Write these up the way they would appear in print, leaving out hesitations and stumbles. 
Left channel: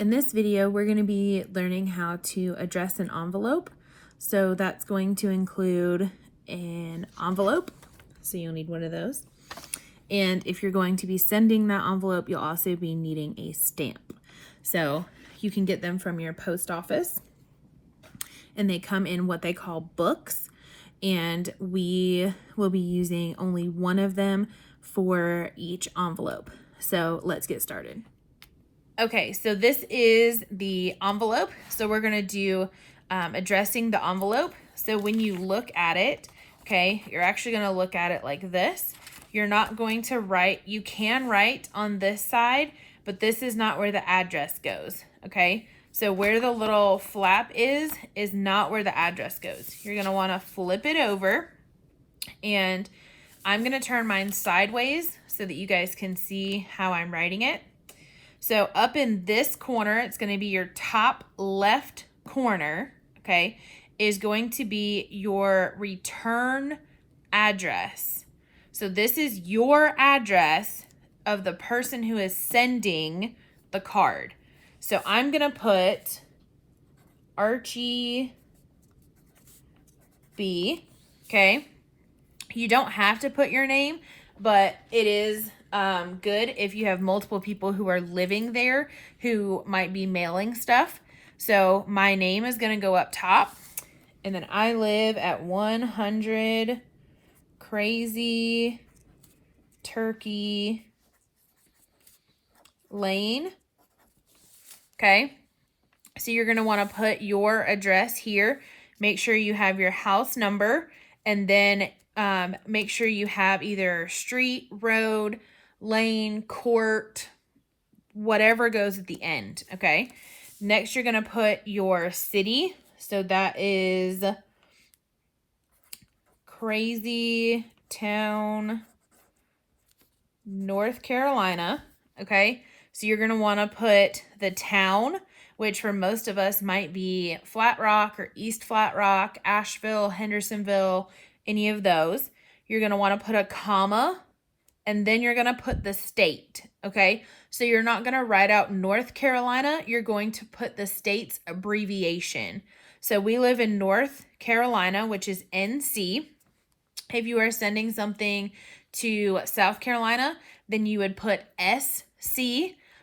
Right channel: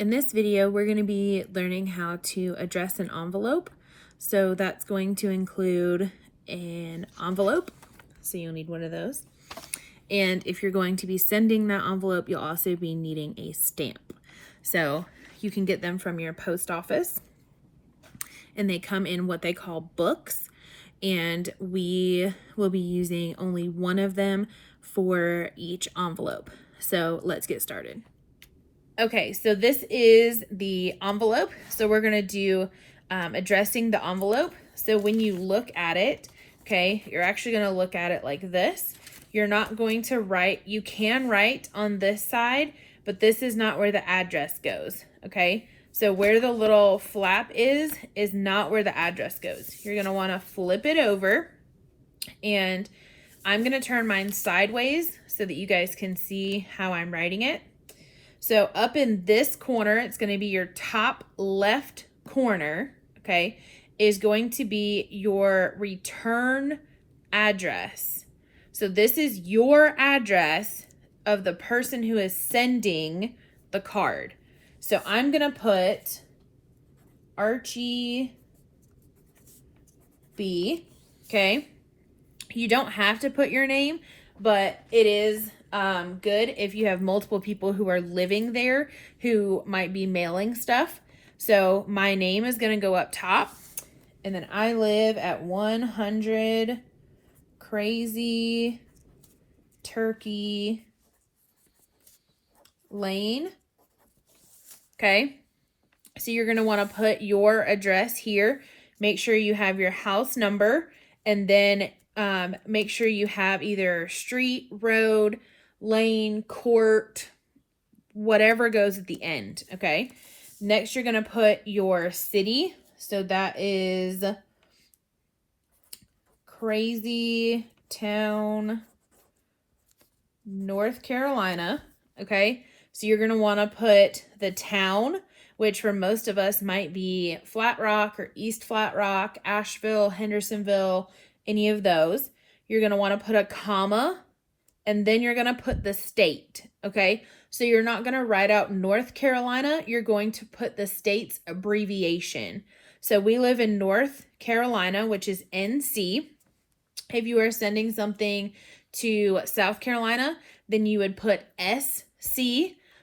In this video, we're going to be learning how to address an envelope. So that's going to include an envelope. So you'll need one of those. And if you're going to be sending that envelope, you'll also be needing a stamp. So you can get them from your post office. And they come in what they call books. And we will be using only one of them for each envelope. So let's get started. Okay, so this is the envelope. So we're going to do addressing the envelope. So when you look at it, okay, you're actually going to look at it like this. You're not going to write, you can write on this side, but this is not where the address goes, okay? So where the little flap is not where the address goes. You're going to want to flip it over, and I'm going to turn mine sideways so that you guys can see how I'm writing it. So up in this corner, it's going to be your top left corner, okay, is going to be your return address. So this is your address of the person who is sending the card. So I'm going to put Archie B, okay? You don't have to put your name, but it is good if you have multiple people who are living there who might be mailing stuff. So my name is going to go up top, and then I live at 100 Crazy Turkey Lane. Okay, so you're going to want to put your address here. Make sure you have your house number, and then make sure you have either street, road, lane, court, whatever goes at the end, okay? Next, you're going to put your city. So that is Crazy Town, North Carolina, okay? So you're going to want to put the town, which for most of us might be Flat Rock or East Flat Rock, Asheville, Hendersonville, any of those. You're going to want to put a comma, and then you're going to put the state, okay? So you're not going to write out North Carolina. You're going to put the state's abbreviation. So we live in North Carolina, which is NC. If you are sending something to South Carolina, then you would put SC.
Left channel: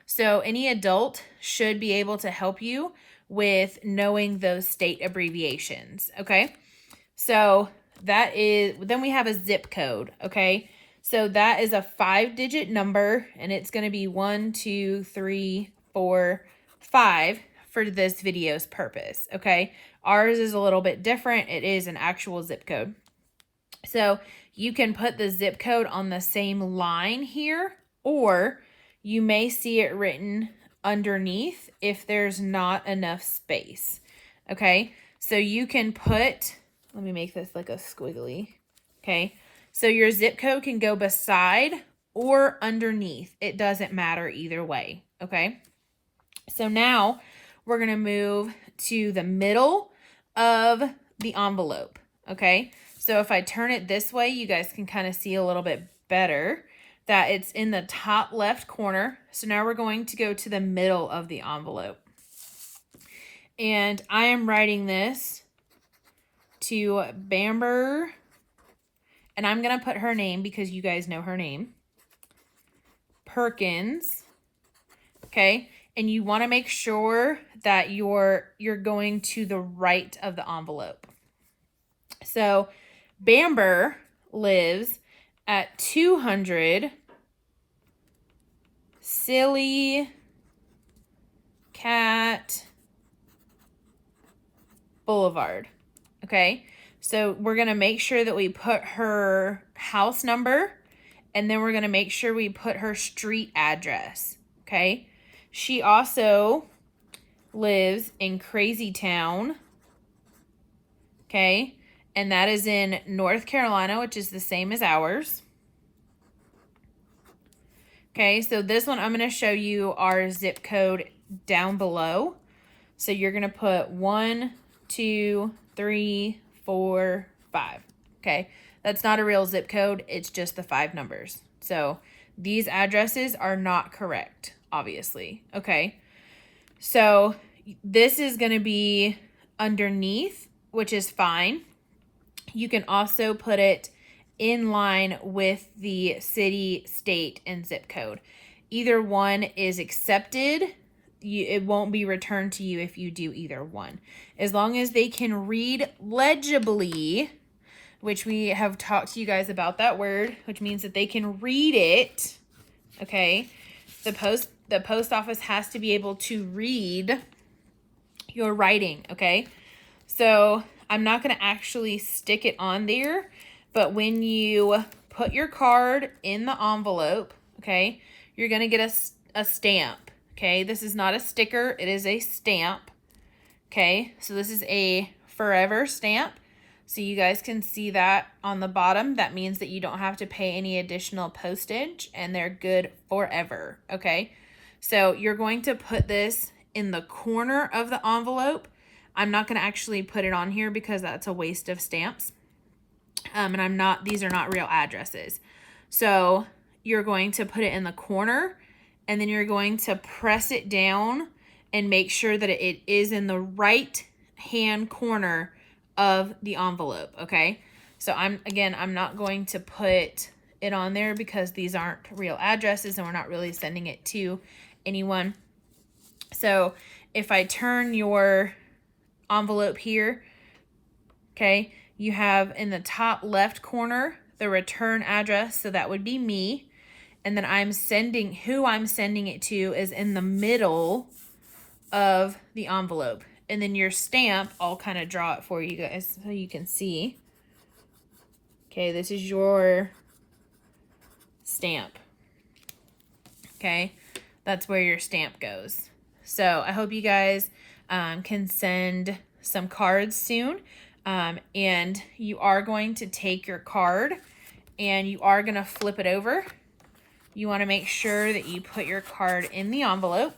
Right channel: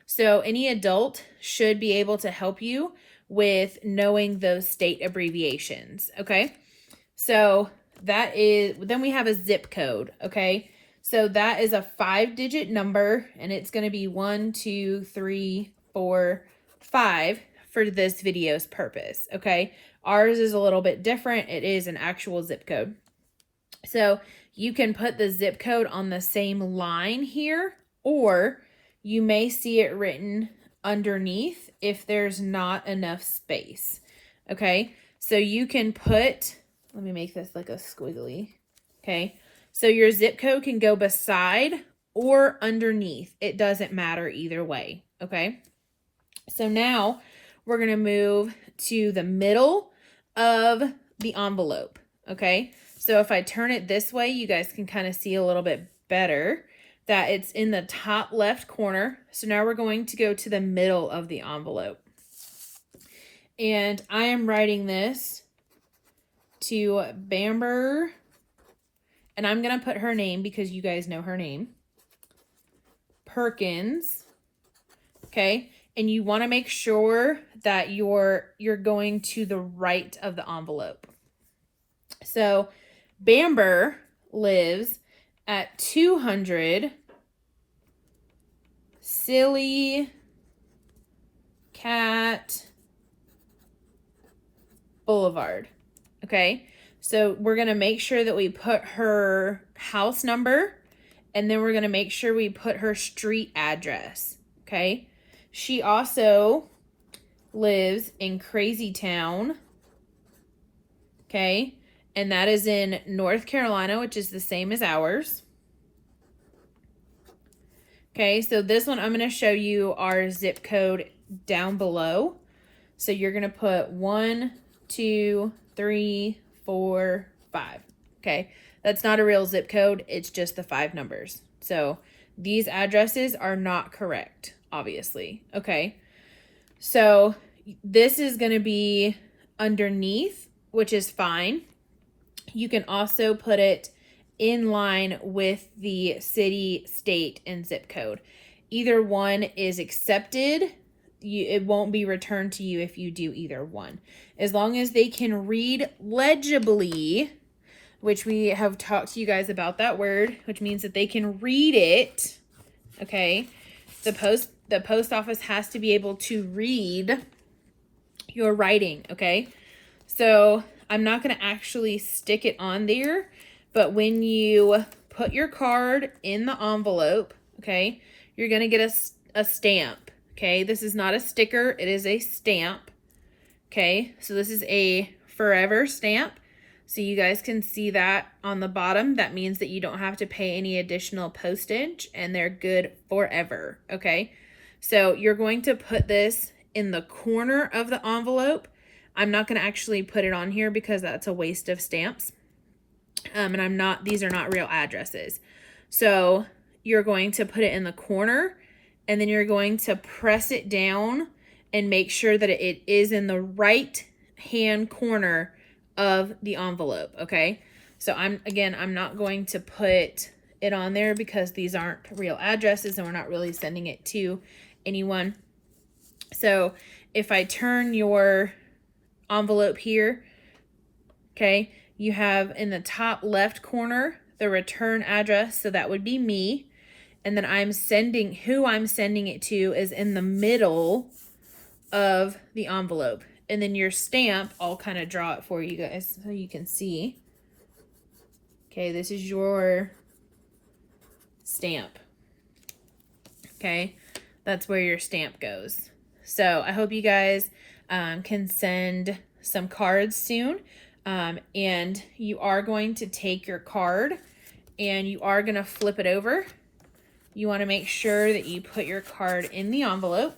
So any adult should be able to help you with knowing those state abbreviations, okay? So that is, then we have a zip code, okay? So that is a 5-digit number, and it's going to be 1, 2, 3, 4, 5 for this video's purpose, okay? Ours is a little bit different. It is an actual zip code. So you can put the zip code on the same line here, or you may see it written underneath if there's not enough space, okay? So you can put, let me make this like a squiggly, okay? So your zip code can go beside or underneath. It doesn't matter either way, okay? So now we're going to move to the middle of the envelope, okay? So if I turn it this way, you guys can kind of see a little bit better that it's in the top left corner. So now we're going to go to the middle of the envelope. And I am writing this to Bamber, and I'm going to put her name because you guys know her name, Perkins, okay? And you want to make sure that you're going to the right of the envelope. So Bamber lives at 200 Silly Cat Boulevard, okay? So we're going to make sure that we put her house number, and then we're going to make sure we put her street address, okay? She also lives in Crazy Town, okay? And that is in North Carolina, which is the same as ours. Okay, so this one I'm going to show you our zip code down below. So you're going to put 1, 2, 3, 4, 5. Okay, that's not a real zip code. It's just the 5 numbers. So these addresses are not correct, obviously. Okay, So this is going to be underneath, which is fine. You can also put it in line with the city, state, and zip code. Either one is accepted. It won't be returned to you if you do either one. As long as they can read legibly, which we have talked to you guys about that word, which means that they can read it, okay? The post office has to be able to read your writing, okay? So I'm not going to actually stick it on there, but when you put your card in the envelope, okay, you're going to get a stamp, okay? This is not a sticker, it is a stamp, okay? So this is a forever stamp. So you guys can see that on the bottom. That means that you don't have to pay any additional postage and they're good forever, okay? So you're going to put this in the corner of the envelope. I'm not going to actually put it on here because that's a waste of stamps. And these are not real addresses. So you're going to put it in the corner and then you're going to press it down and make sure that it is in the right hand corner of the envelope, okay? So I'm not going to put it on there because these aren't real addresses and we're not really sending it to anyone. So if I turn your envelope here, okay, you have in the top left corner the return address, so that would be me, and then who I'm sending it to is in the middle of the envelope. And then your stamp, I'll kind of draw it for you guys so you can see. Okay, this is your stamp. Okay, that's where your stamp goes. So I hope you guys can send some cards soon. And you are going to take your card and you are going to flip it over. You want to make sure that you put your card in the envelope.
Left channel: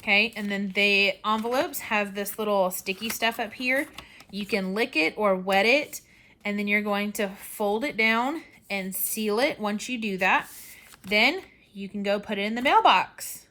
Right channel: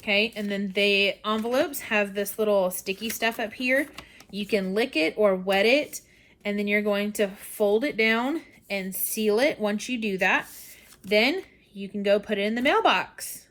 Okay, and then the envelopes have this little sticky stuff up here. You can lick it or wet it, and then you're going to fold it down and seal it. Once you do that, then you can go put it in the mailbox.